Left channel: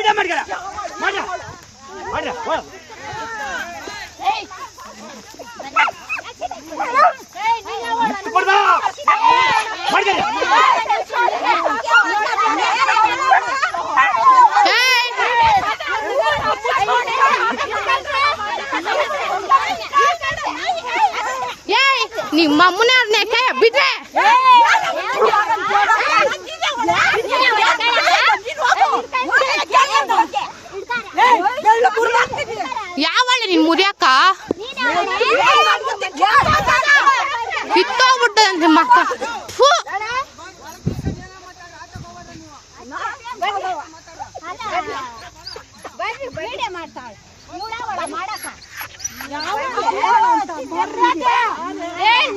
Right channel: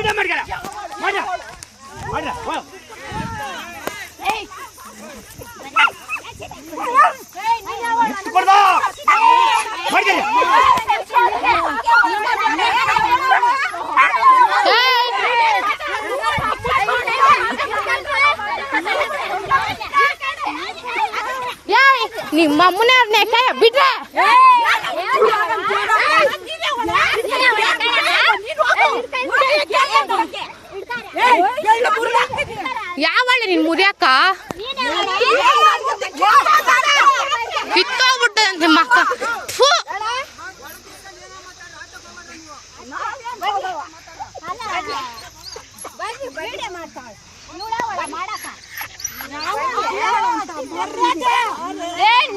video ಮಾಡ್ಕರ ಮಾಡ್ರ ನಿಮ್ಮ ಅಮ್ಮನೇ ಕೈ ಬಿಟ್ರೆ ಯಾವಳೆ ನಿನ್ ಮುರಿಯಾಕ ಕಿತ್ತೋಗ್ಬಿಟ್ಟಂತೆ ಮಕ್ಕ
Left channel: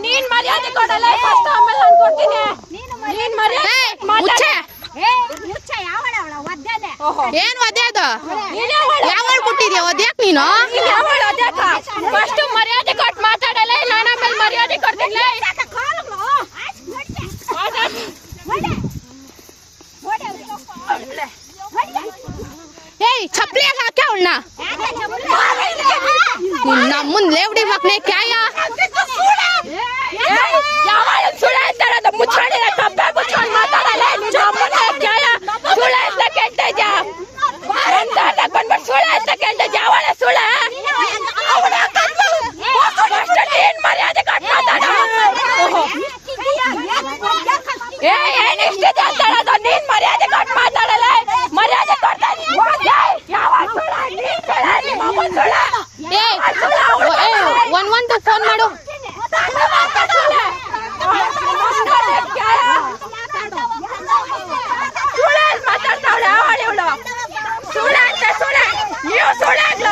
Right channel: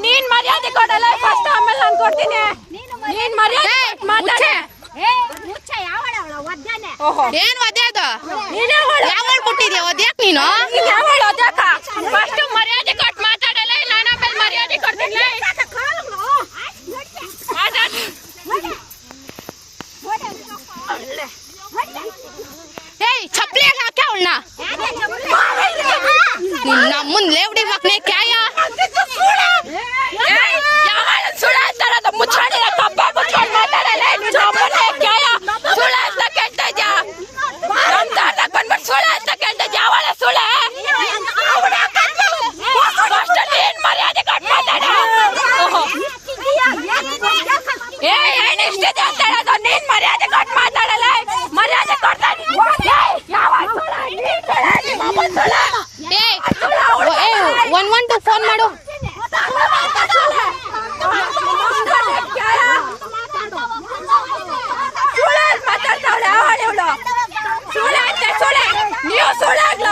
ನೀನ್ ಮರ್ಯಾದೆ ಕೊಡಲ್ಲ ಫಸ್ಟ್ ಆಮೇಲೆ ನಾನು ಕೊಡ್ತೀನಿ ಏನ್ ಒದ್ದೆ ಅದು ಯಾವಳು ಮುಟ್ಟಿದ್ಯಾ ಒದ್ಯಾಕ್ ನೀನು ಫಸ್ಟ್ ಮರ್ಯಾದೆ ಕೊಟ್ಟು ಮಾತಾಡಲ್ಲ ನಾನು ಆಮೇಲೆ ಮರ್ಯಾದೆ ಕೊಡ್ತೀನಿ ಏಯ್ ಚಪ್ಪಲಿ ಹಾಕ ಅವಳನ್ನ ನಮ್ಮನ್ ಲೇವಡಿ ಮಕ್ನೆ ಕ್ಯಾಯ ಸುಳ್ಳ ಅಂತಾರ ಮುಚ್ಚಾಡಿರ ಕಬ್ಬ ಮುಚ್ಕೊಂಡು ಮಾತಾಡಲ್ಲ ಸುಳ್ಳ ಅಂತ ಕೇಳ್ತಾ ಬಂದ್ಬಿಟ್ಟು ಸುಳ್ಳ ಅಂತ ಕೇಳ್ತಾ ಯಾವಳ ಸುಳ್ಳ ನೀನ್ ಮರ್ಯಾದೆ ಕೊಟ್ಟು ಮಾತಾಡ ಏನಿಷ್ಟಿದೆ ಅಂತ ಹೇಳೋದು ನೀನ್ ಮರ್ಯಾದೆ ಕೊಟ್ಟು ಮಾತಾಡಲ್ಲ ಮರ್ಯಾದೆ ಕೊಡ್ತಾ ಒಂದು ಫೋನ್ ಮಾಡು ನೀವು ಸುಳ್ಳಾಗ್ಲ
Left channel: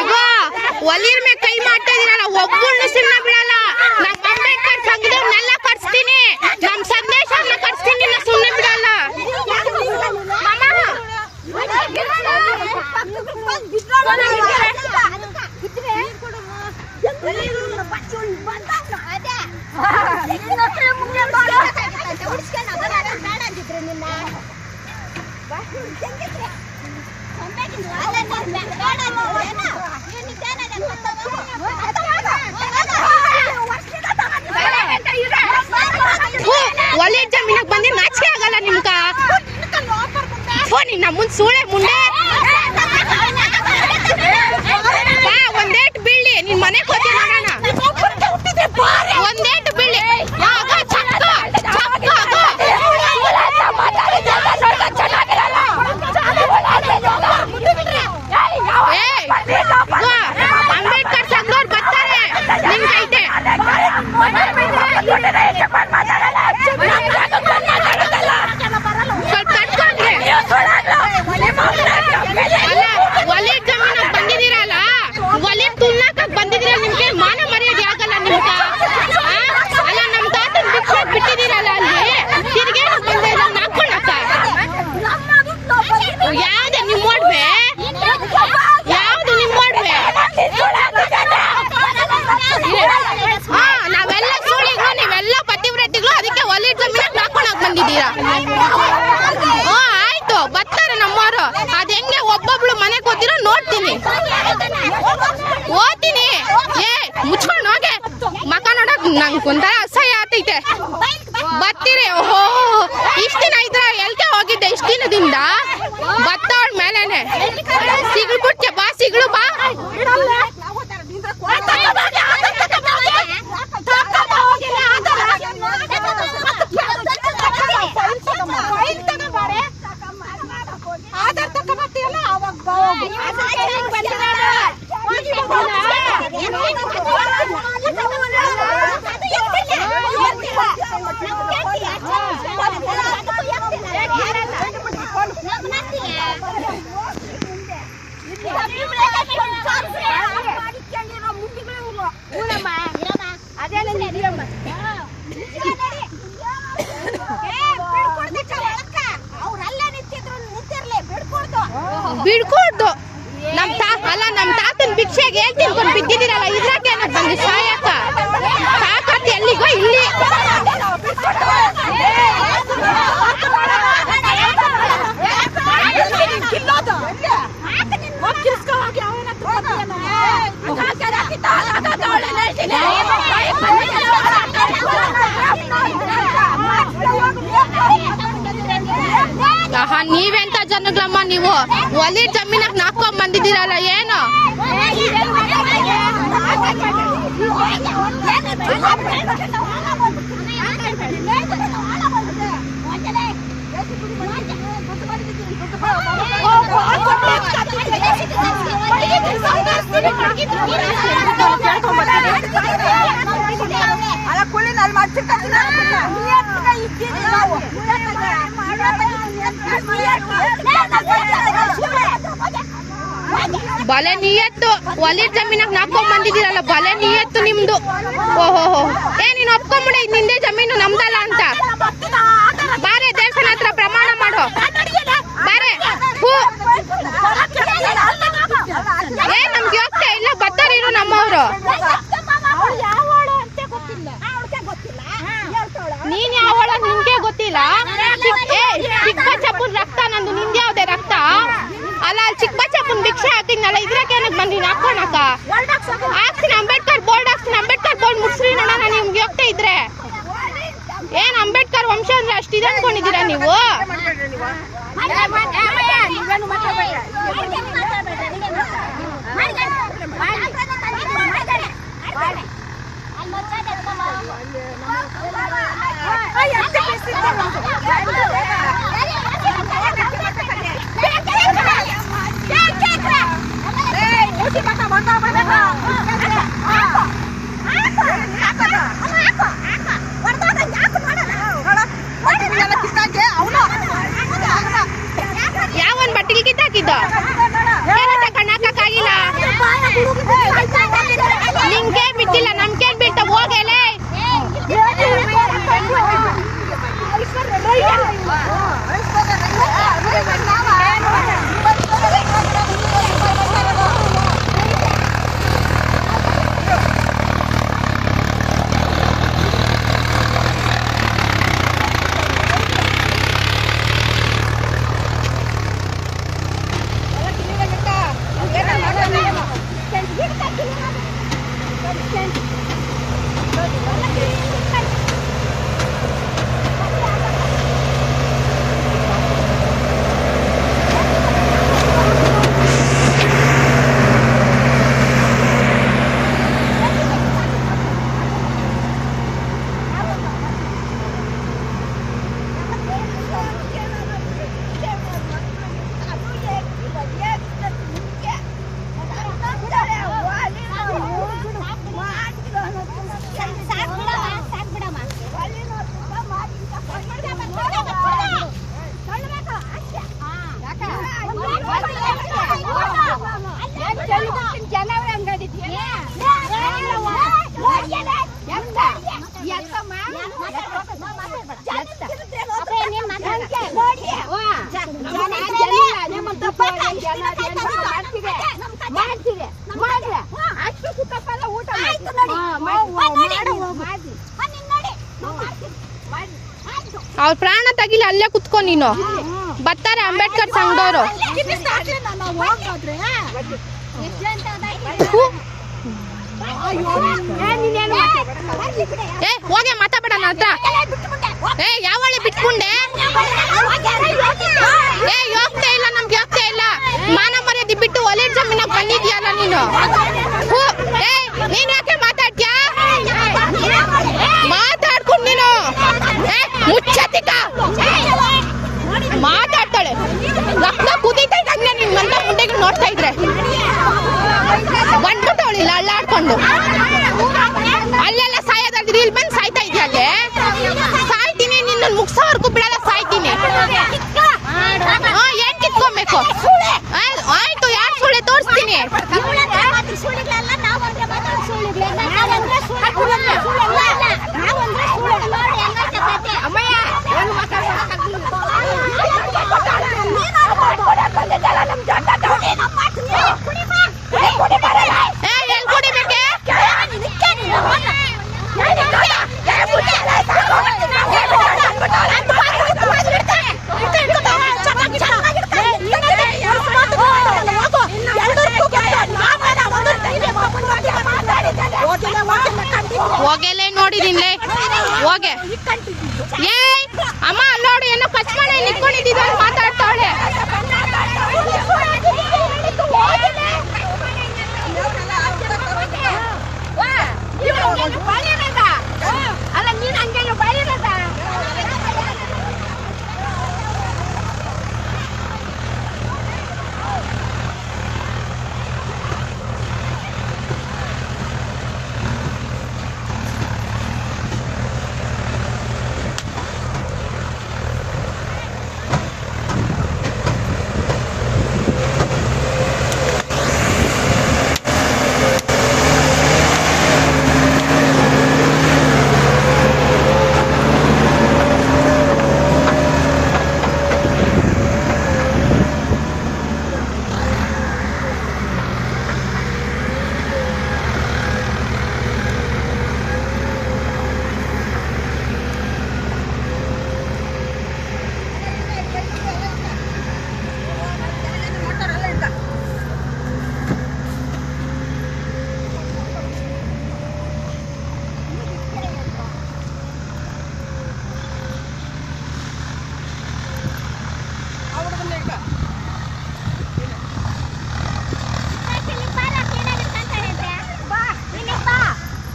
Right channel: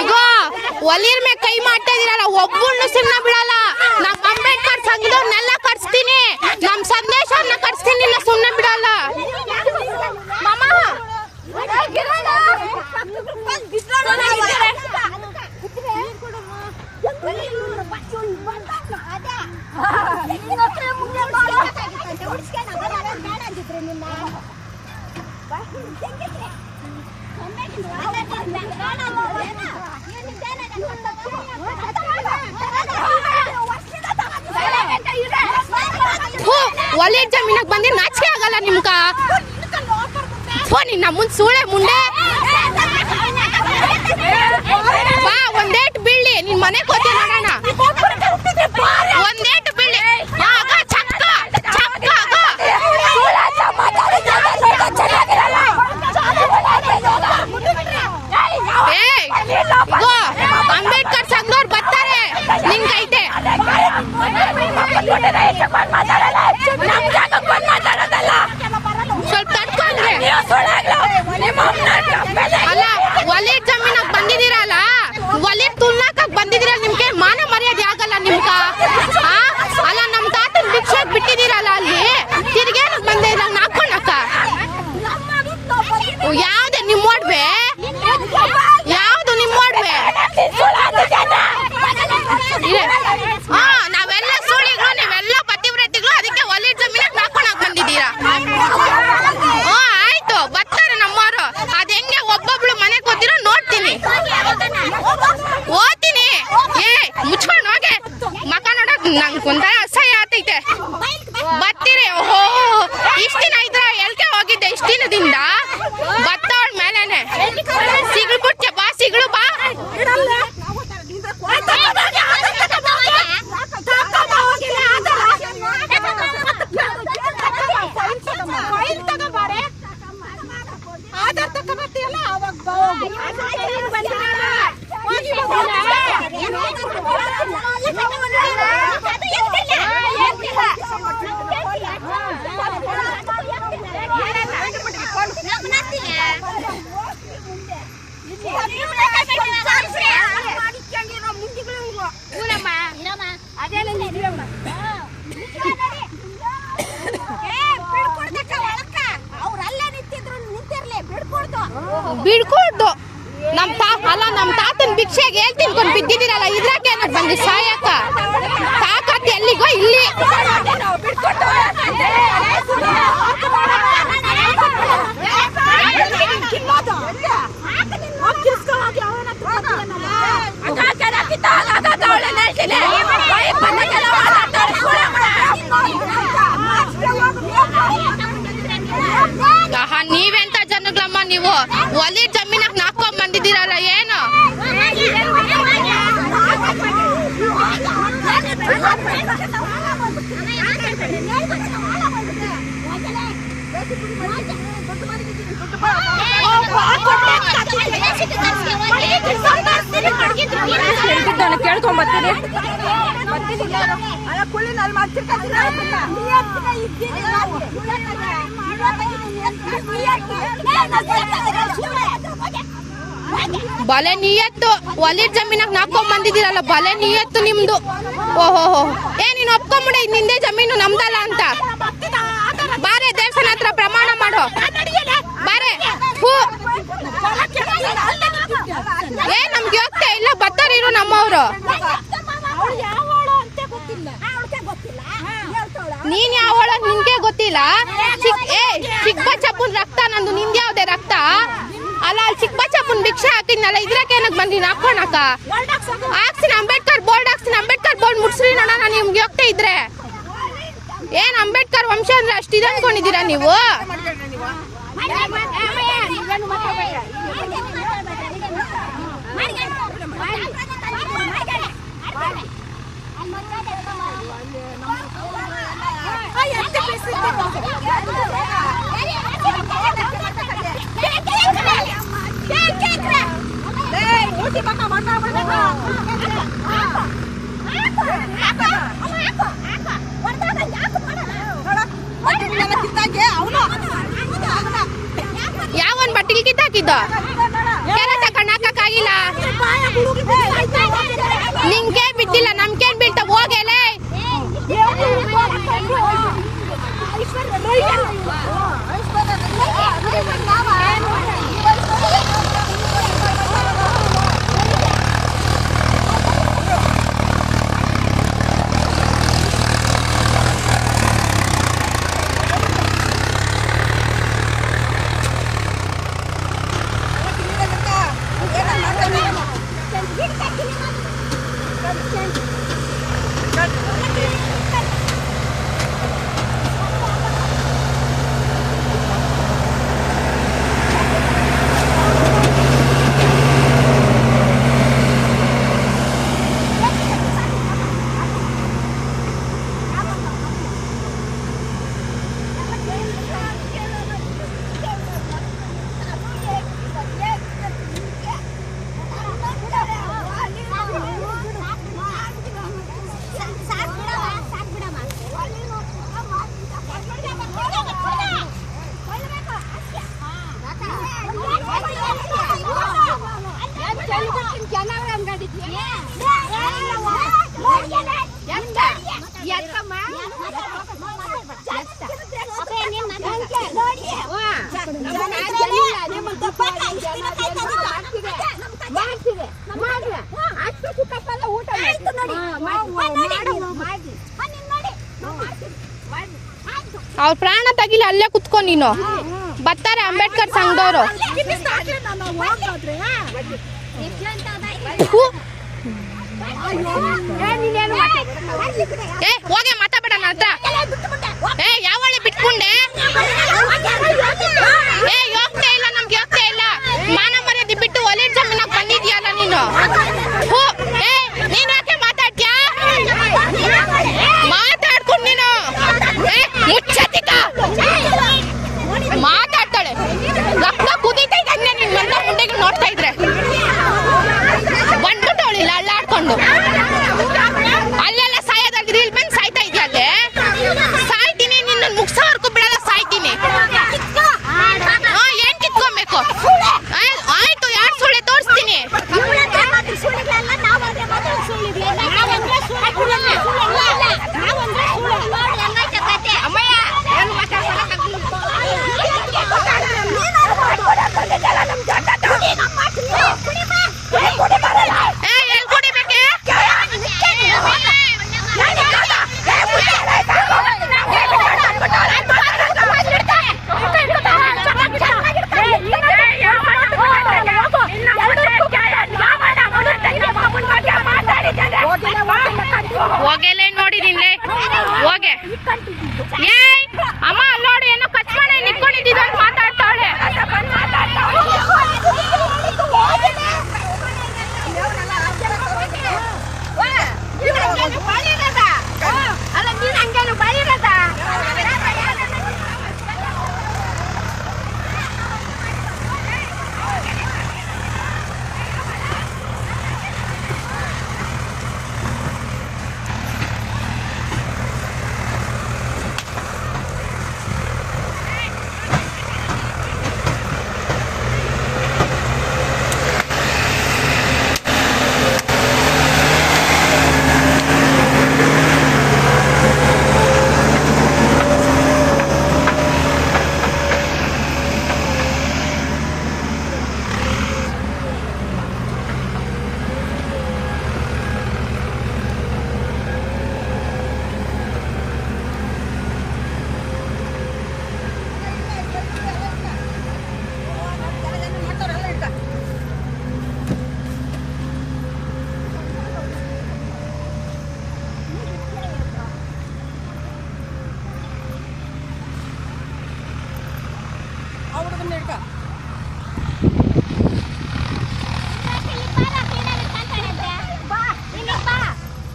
ಈಗ ಒಲಿರ್ ಮೇಲೆ ಕೈ ಮಾಡ್ತಾ ಇದೀರಲ್ಲ ಒಬ್ಬರನ್ನು ಸುಮ್ಮನೆ ಬಿಡಲ್ಲ ನಮ್ಮ ಅಂಬೇಡ್ಕರ್ ಸಂಘದವ್ರನ್ನೆಲ್ಲ ಕರ್ಸ್ತೀನಿ ನಮ್ ಸಂದೇಶವನ್ನ ಕರ್ಸ್ತೀನಿ ಸುಮ್ಮನೆ ಬಿಡಲ್ಲ ಒಳ್ಳೆ ಜಮೀನಾಗ ಬಂದಿ ನಾಚಿಕೆ ಆಗಲ್ಲ ನಿಮ್ಗ ನಿನ್ನ ಮುಂದ್ ಸೂಳೆ ಮುಂಡೆ ಬಾ ಒಂದೇಟ್ ಬೀಳಿ ನಿನ್ ಮನೆ ಕೊಟ್ಟು ನೋಡೋಣ ಒಂದೇಟ್ ಬೀಳಿ ಆಗ ಚಕ್ಕ ಅಂಬೇಡ್ಕರ್ ಸಂಘದವ್ರು ಬರ್ತಾರೆ ನಿಮ್ಗೆ ಐತೆ ಸ್ವಲ್ಪ ತಡ್ಕೊಂಡ್ರೆ ಅಲ್ಲ ಒಲೆ ಜಮೀನಾಗ ಬಂದಿದ್ದೀರಲ್ಲ ಒಲೆ ತುನ್ನಕ ಬಂದಿದ್ರೆ ನಿಮ್ಗೆ ಮಾನ ಮರ್ಯಾದೆ ಆಗಲ್ಲ ನಿಮ್ಗ ಅಲ್ಲ ನಮ್ ತಾತನ ಭಿಕ್ಷೆ ಬಿಟ್ಟಿದ್ದೀರಲ್ಲ ಅಲ್ಲಿ ತಿರ್ಗೇ ಬಂದಿರ ಹಾಕೊಳ್ಳಕ್ಕ ಯಾವ್ದು ನಿಮ್ ಓಡ್ವೆ ಯಾವ್ದು ನಿಮ್ ಓಡ್ವೆ ನಾವೆಲ್ಲ ಸುಳಿಗಳು ನೀವೆಲ್ಲ ಪತಿವ್ರತಿಗಳು ಅದಕ್ಕೆ ಒಲೆ ಜಮೀನಾಗ ನಾಕೊಂಡಾಗ ಬಂದಿದ್ದೀರಾ ಆಯ್ತು ಬರ್ತಾರೆ ನಮ್ಮವರು ಅದ್ ಹೆಂಗೆ ಒಬ್ಬೊಬ್ಳು ಮನೆಗೆ ಹೋಗ್ತಿರೋ ನೋಡ್ತೀನಿ ಓದ್ತೀನಿ ಏ ಮುಚ್ಕೊಂಡು ಹೋಗೆ ಮಕ ನೋಡಕ್ ನಂಗೆ ಒಂಥರ ಅಸಹ್ಯ ಆತೈತೆ ಬರ್ತೀರಿ ಓಹೋ ಇಷ್ಟ ದಿನ ಇದ್ರೆ ಎಲ್ಕೆ ಹೋಗಿದ್ದೆ ಇಷ್ಟ ದಿನದಿಂದ ಬತ್ತವಳ ಮೇಲೇನೆ ಸಿಗಳು ಬಿಡ್ತೆ ಬಾ ಸಿಗಳು ಬಾ ಬಿಡ್ಕೊಡ್ದು ನಮ್ ತಾತನ್ ಭಿಕ್ಷೆಗೆ ಹೇಳ್ ತಿನ್ಕೊಂಡ್ ಬಿದ್ದಿದ್ದೀರಲ್ಲ ಇದ್ರಾಕೆ ಏನಕ್ಕೆ ಬಂದು ಸಾಯಕ ತಾಕತ್ ಎಲ್ಲಿಗೋ ಇಲ್ಲಿ ನೀವೆಂತ ಜನಗಳಮ್ಮ ನೀವು ಒಲಿ ಜಮೀನಾಗ ನಾಕೊಂಡ್ ಬಂದಿದ್ದೀರಲ್ಲ ಏನು ಬಲೆ ನಿಯತ್ತು ಒಲಿ ಜಮೀನಾಗ ನಾಕೊಂಡ್ ಬಂದಿದ್ದೀರಲ್ಲ ಬಲೆ ನಿಯತ್ತು ನಿಮ್ದು ಓಹೋ ನೀನ್ ಒಪ್ಕೊಂಬಿಡ ನಿಂದೆ ಜಮೀನು ನಮ್ದಲ್ಲ ಅಂತ ಬಾರೆ ದೇವಸ್ಥಾನ ಹತ್ರ ಪ್ರಮಾಣ ಮಾಡೋ ಬಾರೆ ನಮ್ಗೆ ಹೋಗ್ತಾ ಇಲ್ಲ ಬರ್ತಾರೇನು ನಮ್ಮವ್ರು ನೀನ್ ಯಾವಳ ನಿನ್ಗೆ ಗೊತ್ತಿಲ್ಲ ಚಿಕ್ಕಬಳ್ಳಾಪುರ ರಕ್ತ ನಂದು ನಿಂದ ಯಾವ್ದೇ ರಕ್ತ ಅಲ್ಲ ಚಿಕ್ಕಬಳ್ಳಾಪುರ ಭಿಕ್ಷೆ ಹಾಕಿದ್ನಲ್ಲ ಇದ್ರಾಕೆ ಏನಕ್ಕೆ ಬಂದಿ ಹಾಕೋಣಕ ಹಾಕ್ಸಿನ ಅಂಬೇಡ್ಕರ್ ಬೋರ್ಡ್ ಮುಟ್ಸ್ರಿ ನೋಡೋಣ ನಿಮ್ಗೆ ಹೋಗ್ತಾ ಇದ್ರೆ ಏನ್ ಅಂಬೇಡ್ಕರ್ ವಂಶ ಅಂದ್ರೆ ಅಷ್ಟಿದೆ ಅನ್ಕೊಂಡಿದ್ದೀರಾ ನೀವು ಯಾವನ್ ಬಟ್ಟಿಗೆ ಕಿತ್ತಾಕಿದ್ದ ಕಣ್ಣಾಕಿಲ್ಲ ನಿಮ್ಗೆ ಬಿಟ್ಟಿಲ್ಲ ನಮ್ಗೇನ್ ಬಿಟ್ಟ ಹೋಗೇನೆ ಅವ್ರ ಪ್ರಾಣ ತಗಿಲ್ಲ ಅಲ್ಲೇ ಕುತ್ಕೊಂಡು ನೀನು ಬರ್ತಾರೆ ಅಂಬೇಡ್ಕರ್ ಸಂಘದವರು ಹೋಗಿ ಮಾತಾಡ ನನ್ನ ಹತ್ರ ಯಾವಳೆ ಬಿಟ್ಕೊಂಡೆ ಹೋಗ್ತಾ ಇಲ್ಲ ನಮ್ಗೆ ಹೋಗ್ತಾ ಇಲ್ಲ ಮಾನ ಮರ್ಯಾದೆ ಬಿಟ್ಟು ಒಲೆ ಜಮೀನ ಬಂದಿದ್ಯಲ್ಲ ನೀನು ನೀನ್ ಯಾಕೆ ಮಾತಾಡ್ತೀಯಾ ಮಾತಾಡ್ಕೊಂಡು ನೀನು ಮುಚ್ಚತಿಕ ಮಾತಾಡ್ತಾಳೆ ರಕ್ತ ಕುದೀತಾ ಇದ್ದಂಗೆ ನಿನ್ನಂತ ಮುಂದೆಗೆ ನೋಡ್ತಾ ಇದ್ರೆ ಬಂದ್ಬಿಟ್ಟವಳಿಲ್ಲ ಅಳ್ಳಾಡ್ಕೊಂಡು ಅಲ್ಲೆಲ್ಲ ಸಾಯೋದಾದ್ರೆ ಇಲ್ಲಿ ಬಂದು ಸಾಯ್ತಾ ಇದೆಯಾ ಅಲ್ಲೇ ಸಾಯ್ತೀನಿ ನಿನ್ನ ಮುಗ್ಸೋವರ್ಗೂ ಬಿಡಲ್ಲ ಸಾಯ್ತೀನಿ ಏನ್ ಕಿತ್ಕೊಬೇಕು ಆಯ್ತು ಯಾರು ಸುಳ್ಳೆ ತೋರಿಸ್ತೀನಿ ಅಮ್ಮಯ್ಯ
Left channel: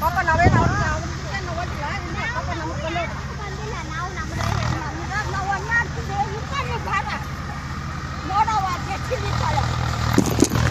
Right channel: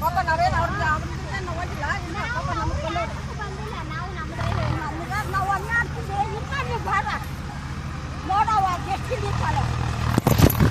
ಪಾಪ ನಾವೇನು ಅವ್ರನ್ನ ನಾವು